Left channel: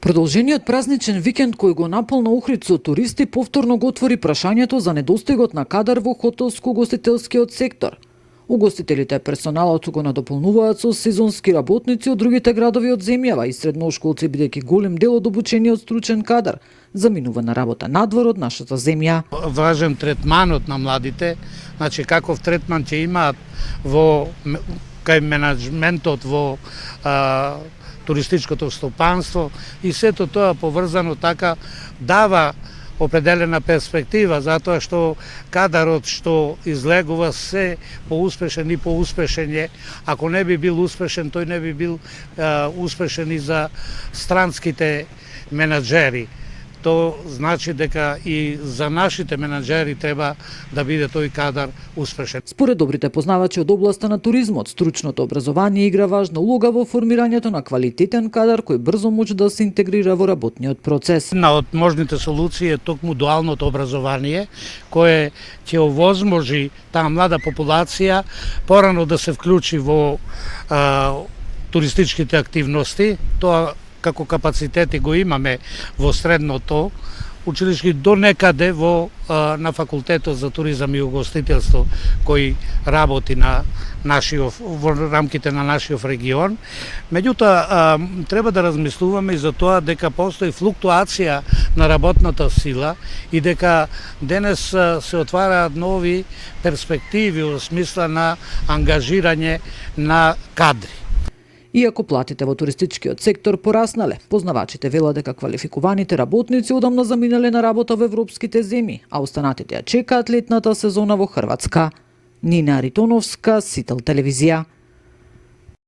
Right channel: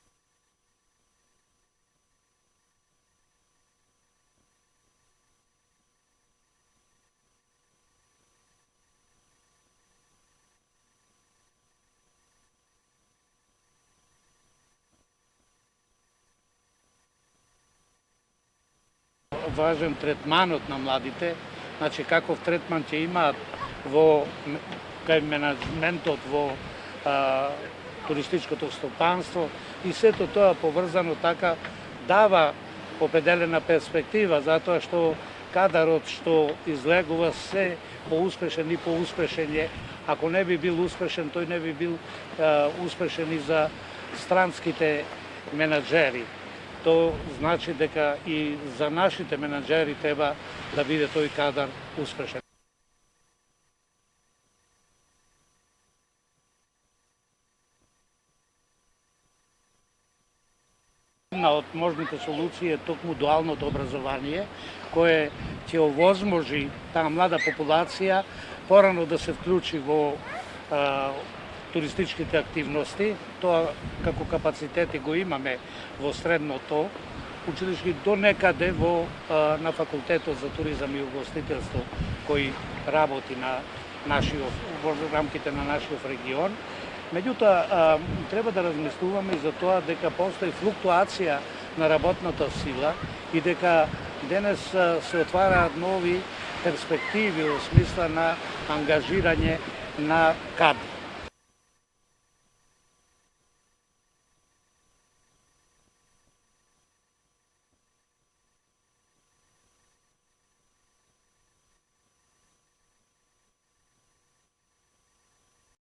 Продолжениот празничен викенд кој го наполна Охрид со туристи повторно го отвори прашањето за недостигот на кадар во хотелско-угостителскиот сектор. Угостителите и персоналот го надополнуваат со сезонски работници од другите градови од земјава и средношколци, бидејќи голем дел од обучениот стручен кадар заминува на работа надвор од нашата земја. Важен третманот на младите, значи каков третман ќе имаат во кај менеджментот во туристичкото стопанство и сето тоа поврзано така дава определена перспектива, затоа што кадарот што излегува се поуспешен и поуспешен е. Ако не би бил успешен, тој не би бил успешен и за странските менаџери. То значи дека и за нашите менаџери треба да биде тој кадар успешен. Според добрите познавачи од областа на туризмот, стручното образование игра важна улога во формирањето на квалитетен кадар кој брзо може да се интегрира во работниот процес. Една од можните солуции е токму дуалното образование, кое ќе овозможи таа млада популација порано да се вклучи во туристичките активности. Тоа како капацитети го имаме во средното училиште до некаде во на факултетот за туризам и угостителство кој работи на во рамките на нашиот регион. Меѓутоа треба да размислуваме и за тоа дека постои флуктуација на работната сила и дека денес се отвараат нови перспективи во смисла на ангажирање на кадри. Иако платите во туристичкиот сектор пораснале, познавачите велат дека квалификуваните работници одамна заминале на работа во европските земји, а останатите ја чекаат летната сезона во Хрватска. Нина Аритоновска, Сител телевизија.